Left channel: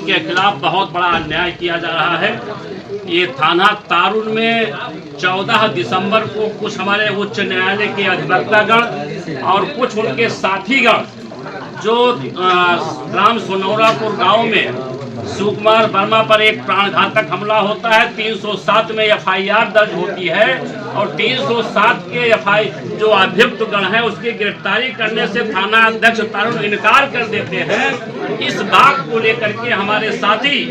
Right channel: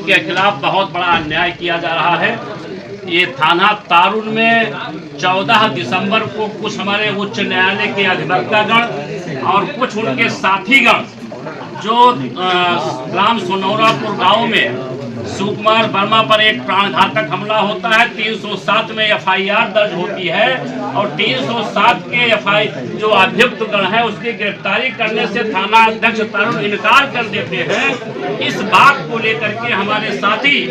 के खिलाफ बहुत बड़ा अन्याय किया जा रहा है। ये थाना तारुण में 14 दिसंबर को कुछ हमारे उच्च न्यायालय के अधिवक्तागण और कुछ उनके साथीगण जो ग्राम सोनौरापुर गांव में सुकुमार वर्मा पर एक प्राणघातक हमला होता है, 307 में एफआईआर दर्ज होती है और 307 के जो अभियुक्त गण है उसकी गिरफ्तारी करने से थाना अध्यक्ष तारुण इनकार कर देते हैं। इस बात को लेकर के हमारे साथी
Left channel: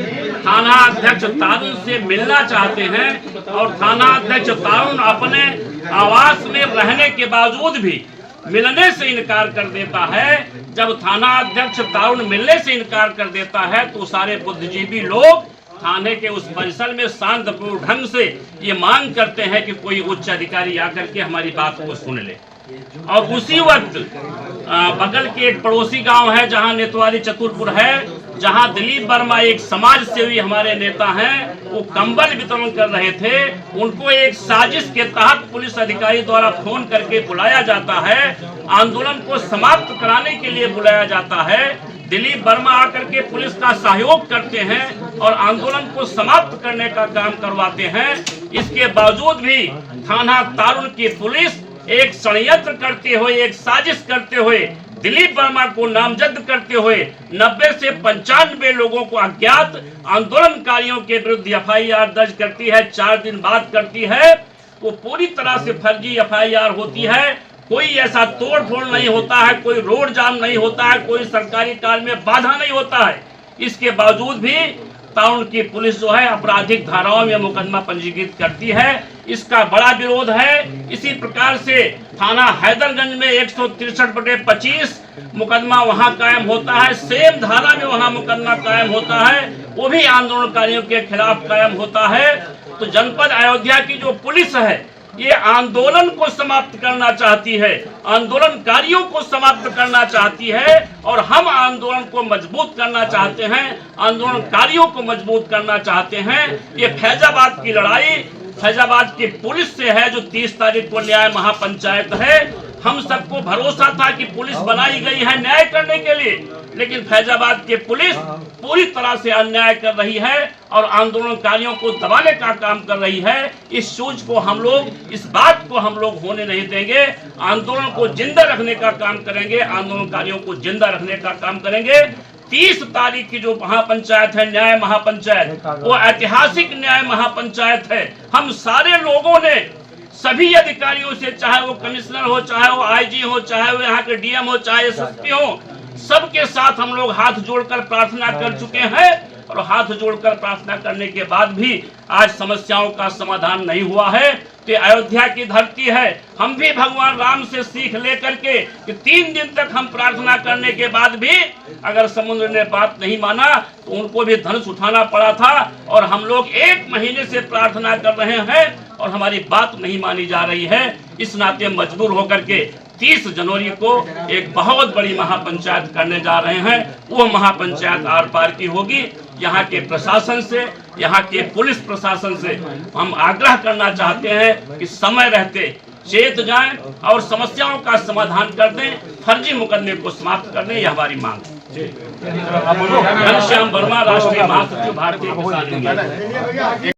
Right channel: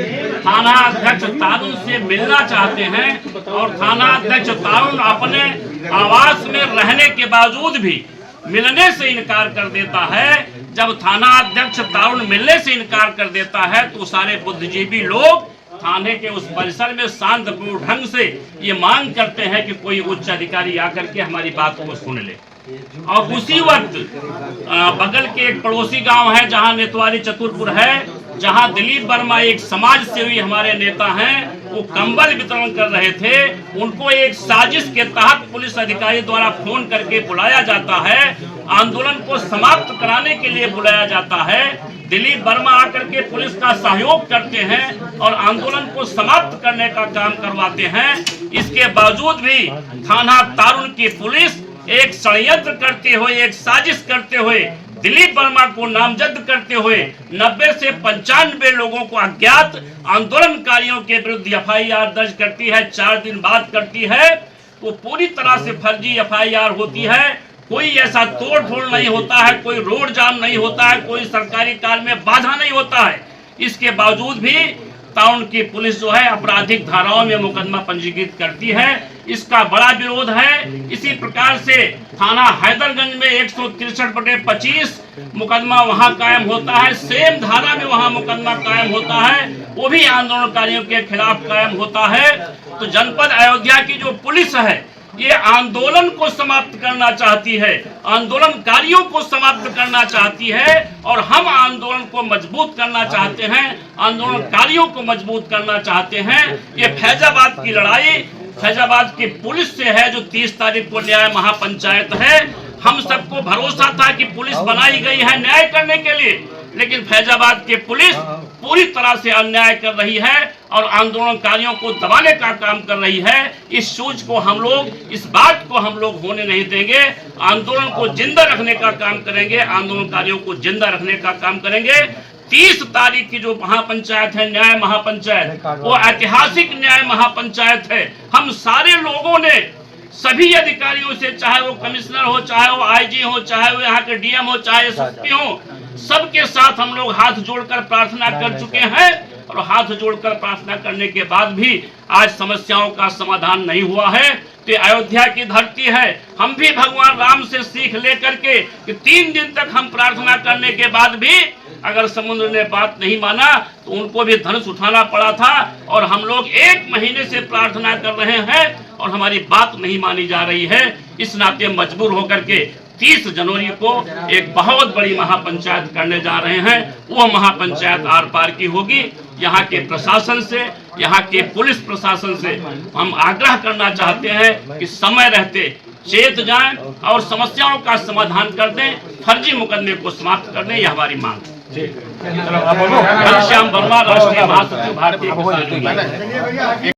थाना अध्यक्ष तारुण से मिलना चाहते हैं और थाना अध्यक्ष तारुण अपने आवास में रहने के बावजूद भी मिलने से इनकार कर देता है। जब थाना अध्यक्ष तारुण मिलने से इनकार कर देता है तो सारे बुद्धिजीवी लोग थाने के उस परिसर में शांतिपूर्ण ढंग से ये मांग करते हैं कि कोई उच्च अधिकारी आकर के हमारी बात को सुन ले। और उसी वक्त बगल के एक पड़ोसी गांव है जहां नेतवारी चतुरपुर है, जहां दिलीप वर्मा एक समाज सेवी हमारे नेता हैं, वो कंबल वितरण कर रहे थे। उनको एक साजिश के तहत पुलिस अधिकारी द्वारा फोन करके बुलाया जाता है, आंदोलन को समाप्त कराने के लिए बुलाया जाता है। दिलीप वर्मा आकर के पुलिस का सहयोग करते हैं और आंदोलन को समाप्त करने का काम करवाते हैं। इसके बावजूद भी थाना तारुण की पुलिस एक षड्यंत्र करते हुए, एक साजिश करते हुए दिलीप वर्मा को नामजद करते हुए 90 से 95 लोगों को अज्ञात आंदोलनकारियों के विरुद्ध एफआईआर दर्ज करती है। 4 दिन बाद करती है। वो पूरी तरह से फर्जी एफआईआर होती है। कोई ऐसा तोड़ फोड़ नहीं होता है, कोई रोड जाम नहीं होता है, कोई सरकारी कार्य में बाधा नहीं होता है। इसके बावजूद भी तारुण की पुलिस जो है आपराधिक धाराओं में मुकदमा पंजीकृत करती है। इसका बड़ा विरोध है। इसी प्रकार से थाना हैदरगंज में 163/25 मुकदमा वहां कायम होता है, सेम धारा में वहां मुकदमा कायम होता है, वो भी आंदोलनकारियों के खिलाफ कायम होता है। तो जनपद अयोध्या की जो पुलिस है ये आंदोलन को समाप्त करना चाहती है, आंदोलनकारियों को समाप्त करना चाहती है और हम आंदोलन को मजबूत करना चाहते हैं, आंदोलनकारियों को मजबूत करना चाहते हैं। ये फैजाबाद की लड़ाई फैजाबाद की पुलिस से है जो 30 तारीख को न्याय महापंचायत है। हम सबको भरोसा था कि पुलिस बनाई गई है न्याय करने के लिए, लेकिन फैजाबाद की पुलिस पूरी तरह से अन्याय कर रही है और आंदोलनकारियों को दबाने का काम कर रही है। इस सूझ को हम लोग, इस बात को हम लोग होने नहीं देंगे। आंदोलन को जिंदा रखने का काम करेंगे, आंदोलनकारियों को जिंदा रखने का काम करेंगे। 30 तारीख की जो महापंचायत है, न्याय महापंचायत, वो ऐतिहासिक न्याय महापंचायत है। हम सारे लोगों ने सभी अधिकारियों से, चाहे वो कमिश्नर हो, चाहे वो आईजी हो, चाहे वो यहाँ के डीएम हो, चाहे एसपी हो, सबके साथ हम लोग हाथ जोड़कर प्रार्थना कर चुके हैं और हाथ जोड़कर प्रार्थना करने के बाद भी आज समस्याओं का समाधान नहीं हुआ है। तो अयोध्या की धरती है। हम भी भगवान राम से सीख लेकर के कि 3 दिन तक हम प्रार्थना करने के बाद भी अगर समुद्र ने बात नहीं माना तो उनको भी धनुष उठाना पड़ा था और हम लोग 1 महीने से प्रार्थना कर रहे हैं और हमारी बात नहीं मानी जा रही है। इस नाते मजबूर होकर के 30 जनवरी को एक बहुत बड़ी महापंचायत करने जा रहे हैं। वो महापंचायत आर पार की होगी। यहाँ के प्रशासन से, यहाँ के पुलिस प्रशासन से हम आग्रह करना चाहते हैं कि समय रहते चेत जाएं और समस्याओं का समाधान कर दें, फर्जी मुकदमे को समाप्त कर दें। यह हमारी मांग है। घनश्याम वर्मा, राष्ट्रीय महासचिव, भारतीय किसान यूनियन।